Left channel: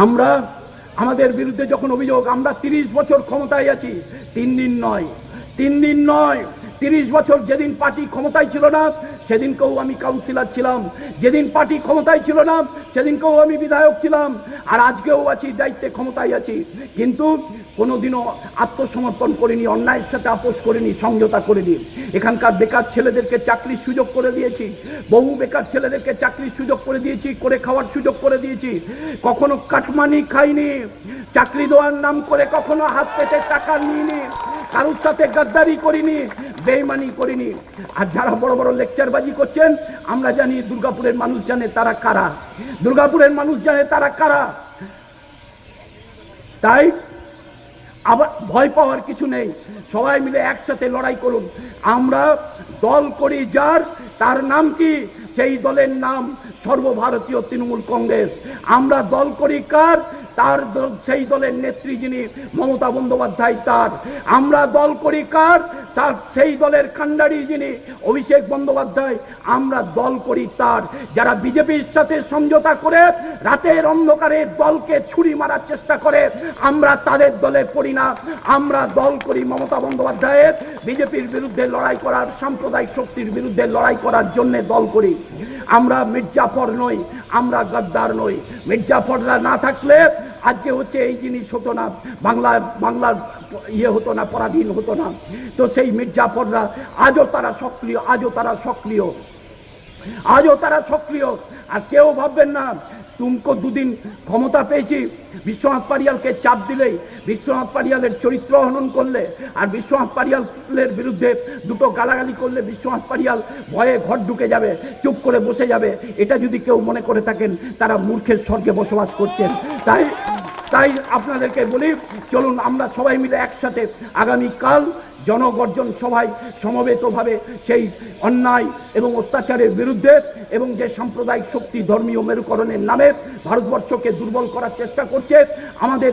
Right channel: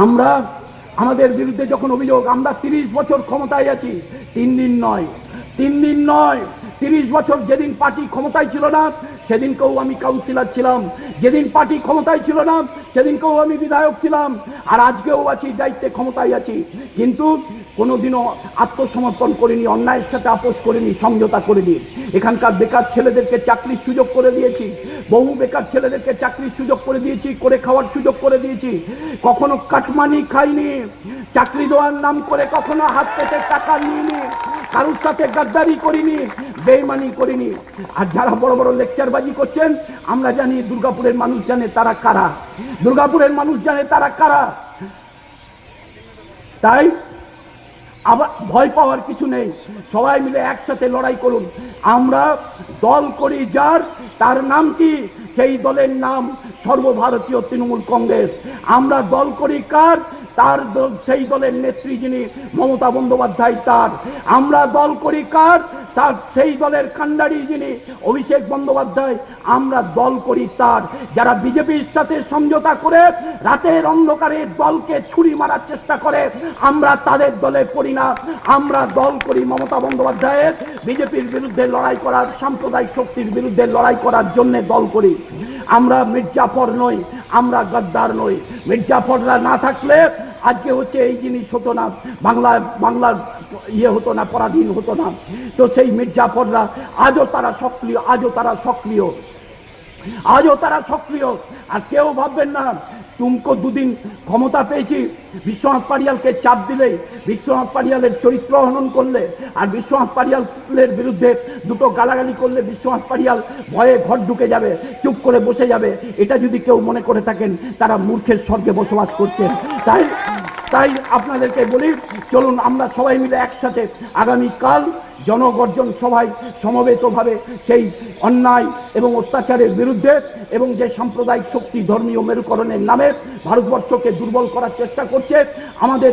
আমরা আমাদের বিরুদ্ধে যখন অভিযোগ, আমরা 30 বছর ক্ষমতায় আছি, 3 দিন নয়, 3 দিন নয়, 30 বছর। যেদিন পার্টি ক্ষমতায় ছিল না সেদিনকেও আমি কাউন্সিলর ছিলাম, যেদিন পার্টি ক্ষমতায় ছিল না সেদিনকেও আমি বিধায়ক ছিলাম, আর আজকেও আছি, দায়িত্বে ক্ষমতায় আছি। কিন্তু কোনোদিনও আত্মসমর্পণ করিনি, অন্যায়ের সাথে আপোষ করিনি, সমঝোতা করিনি। এখানকার বেকার ছেলেদেরকে চাকরির সুযোগ করে দিয়েছি, বহু বেকার ছেলেদেরকে চাকরির সুযোগ করে দিয়েছি, করে খাওয়ার সুযোগ করে দিয়েছি। কখনো কাটমানি খাইনি, চাকরি দেওয়ার নাম করে কখনো হাত পেতে টাকা নিইনি, কারোর সাথে গাদ্দারি করিনি, বেইমানি করিনি। আর যারা বড় বড় লেকচারবাজি করছেন, আমরা জানি, দুর্গাপুরের মানুষ জানে তারা কারা, দুর্গাপুরের মানুষ জানে তারা কারা। তাই আবার ভয় পাওয়ার কিছু নেই, সবাই মিলে একসাথে লড়াই করুন। আমরা দল করি যার, তার নাম কি? সেই দলের নাম সর্বভারতীয় তৃণমূল কংগ্রেস। আমরা দল করি কার? তার সেই দলের নেত্রী যিনি মমতা বন্দ্যোপাধ্যায়, তার। আমরা দল করি কার? তার সেই দলের কাণ্ডারি যিনি অভিষেক বন্দ্যোপাধ্যায়। আমরা দল করি তার। যারা বিজেপির সাথে সমঝোতা করে রাতের অন্ধকারে দলকে ছুরি মারার চেষ্টা করে, আমরা তাদের দলে পড়ি না। আমরা দল করি মমতা বন্দ্যোপাধ্যায়ের, বিজেপির বিরুদ্ধে লড়াই করার, সাম্প্রদায়িক শক্তির বিরুদ্ধে লড়াই করার জন্য দল করি। আমরা মির্জাফর নই, আমরা গদ্দার নই। মির্জাফররা না থাকলে আজকে হচ্ছে এই জিনিস হতো না, বাংলার ইয়ে হতো না, পরাধীন হতো না। তো সেই মির্জাফররা আজও তারা সক্রিয়, আজও তারা সক্রিয়, আজও তারা সক্রিয়। আর কেউ ভাববেন না তুমকো দুদিন ক্ষমতা পেয়েছি, বিশ্বনাথ পারিয়ালকে চাপ দিলেই, বিশ্বনাথ পারিয়ালের চরিত্র হনন করলে, আর বিশ্বনাথ পারিয়ালের বিরুদ্ধে দুটো গালাগালি করলে বিশ্বনাথ পারিয়াল ভয়ে ঘর ঢুকে যাবে, চুপ করে বসে যাবে, এটা যদি কেউ মনে করে থাকেন তারা মূর্খের স্বর্গে বসবাস করছেন। তাই আপনাদেরকে বলি, চলুন আমরা সবাই মিলে একসাথে আগামীকাল জনগর্জন সভায় সমবেতভাবে সেই অন্যায় এবং অত্যাচারের বিরুদ্ধে, এবং যে সাম্প্রদায়িক শক্তি ধর্মীয় মেরুকরণের নামে ভারতবর্ষকে দুর্বল করার চেষ্টা করছে, আমাদের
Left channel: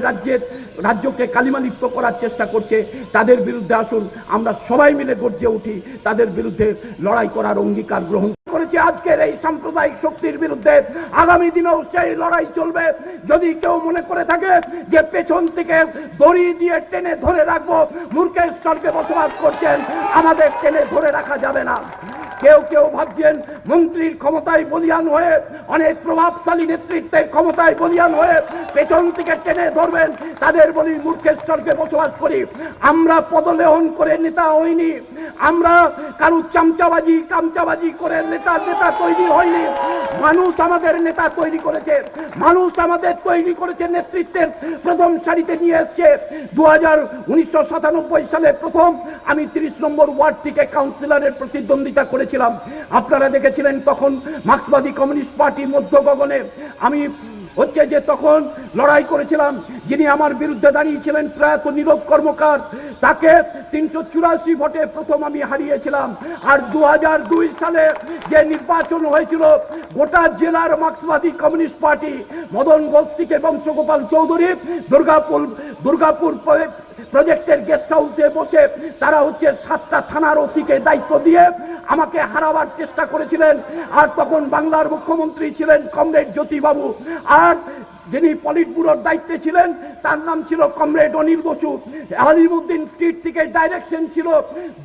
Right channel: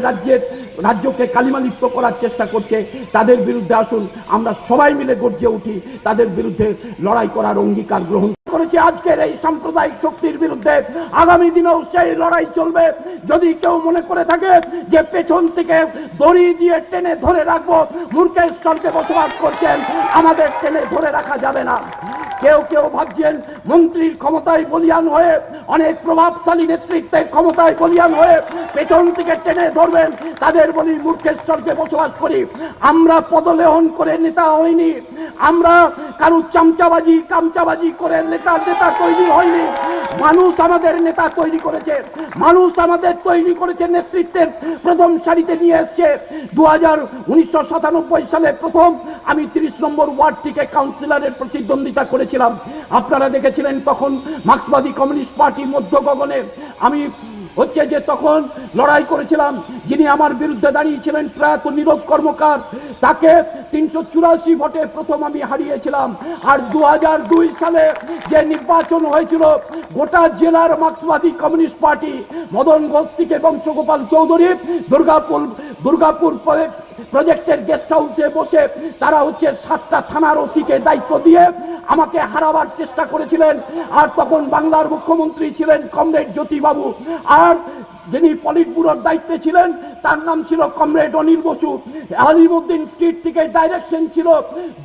রাজ্যকে কালিমালিপ্ত করার চেষ্টা করছে, তাদের বিরুদ্ধে আসুন আমরা সবাই মিলে গর্জে উঠি, তাদের বিরুদ্ধে লড়াই করার অঙ্গীকার গ্রহণ করেছে। আজকের এই সাম্প্রদায়িক শক্তির বিরুদ্ধে আগামী দিনেও সেই লড়াই চলবে। যদি কেউ মনে করে থাকে যে পেছন থেকে দড়ি দিয়ে টেনে ধরে রাখবো, মূর্খের স্বর্গে বসবাস করছেন, আমাদের টেনে ধরে রাখা যাবে না। কেউ ভাবছেন মন্ত্রীর ক্ষমতায় বলিয়ান হয়ে, অনেক প্রভাবশালী নেতৃত্বের ক্ষমতায় বলিয়ান হয়ে পেছন থেকে টেনে ধরবেন, তাদের বলি মূর্খের স্বর্গে বসবাস করি। আমরা পদলেহন করে নেতা হইনি, আমরা কারুর কামচাবাজি করে নেতা তৈরি হয়নি। মানুষ আমাদের নেতা তৈরি করেছে, মানুষ আমাদের তৈরি করেছে, নেতৃত্বের প্রথম সারিতে নিয়ে এসছে। 1997 সালে প্রথম আমি 30 নম্বর ওয়ার্ড থেকে কাউন্সিলরের প্রতিদ্বন্দ্বিতা করেছিলাম। আপনারা দেখেছিলেন তখন মার্ক্সবাদী কমিউনিস্ট পার্টি মধ্য গগনে আমি হচ্ছে যে তখন লড়াই করেছিলাম। যিনি আমার বিরুদ্ধে দাঁড়িয়েছিলেন প্রয়াত নীরব কর্মকার, তাকে 384 ভোটে প্রথম আমি হারিয়েছিলাম। আর 2002 সালে যে নির্বাচন হয়েছিল, গোটা জেলার মার্ক্সবাদী কমিউনিস্ট পার্টি মদন ঘোষ থেকে বংশগোপাল চৌধুরী দুর্গাপুর প্রজেক্টের গেস্ট হাউসে বসে তারা হচ্ছে 7টা থানার ওসিকে দায়িত্ব দিয়ে আমাকে হারাবার চেষ্টা করেছিলেন। আর তখন বাংলার মুখ্যমন্ত্রী ছিলেন কমরেড জ্যোতিবাবু, আর যিনি পলিট ব্যুরোর দায়িত্বে ছিলেন তার নাম ছিল কমরেড অনিল বসু। আলিমুদ্দিন স্ট্রিট থেকে ডাইরেকশন ছিল,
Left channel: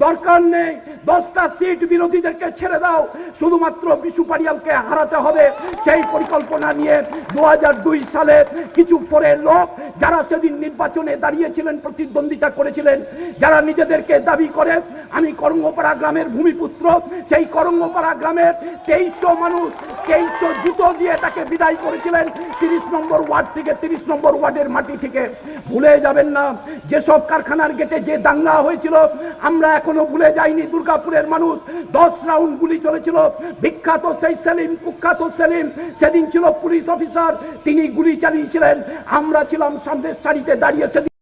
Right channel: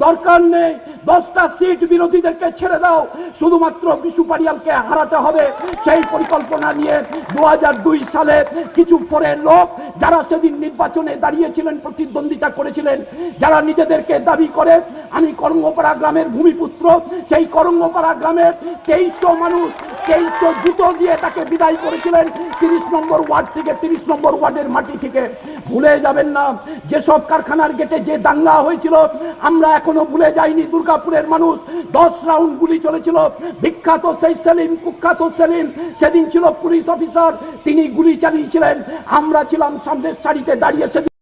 দরকার নেই 10টা সিট বিরোধীদেরকে ছেড়ে দাও, শুধুমাত্র বিশু পারিয়ালকে হারাতে হবে। সেই পরিকল্পনা নিয়ে 2002 সালে কিছু পরের লোক যারা সেদিন নির্বাচনে দাঁড়িয়েছিলেন, প্রতিদ্বন্দ্বিতা করেছিলেন, যারা নিজেদেরকে দাবি করে আমি করঙ্গপাড়া গ্রামের ভূমিপুত্র, সেই করঙ্গপাড়া গ্রামের 2300 মানুষ 2300 জুতো দিয়ে তাকে বিদায় করেছিলেন 30 নম্বর ওয়ার্ড থেকে, 30 নম্বর ওয়ার্ডের মাটি থেকে। ভুলে যাবেন না যেসব কারখানার গেটে যে দাঙ্গা হয়েছিল, আমরা এখনো ভুলে যাইনি। দুর্গাপুরের মানুষ 10 রাউন্ড গুলি চলেছিল, বিখ্যাত সেই সেলিম, কুখ্যাত সেলিম সেদিন ছিল পুলিশ অফিসার, তিনি গুলি চালিয়েছিলেন, আমরা ছিলাম সামনের সারিতে দাঁড়িয়ে।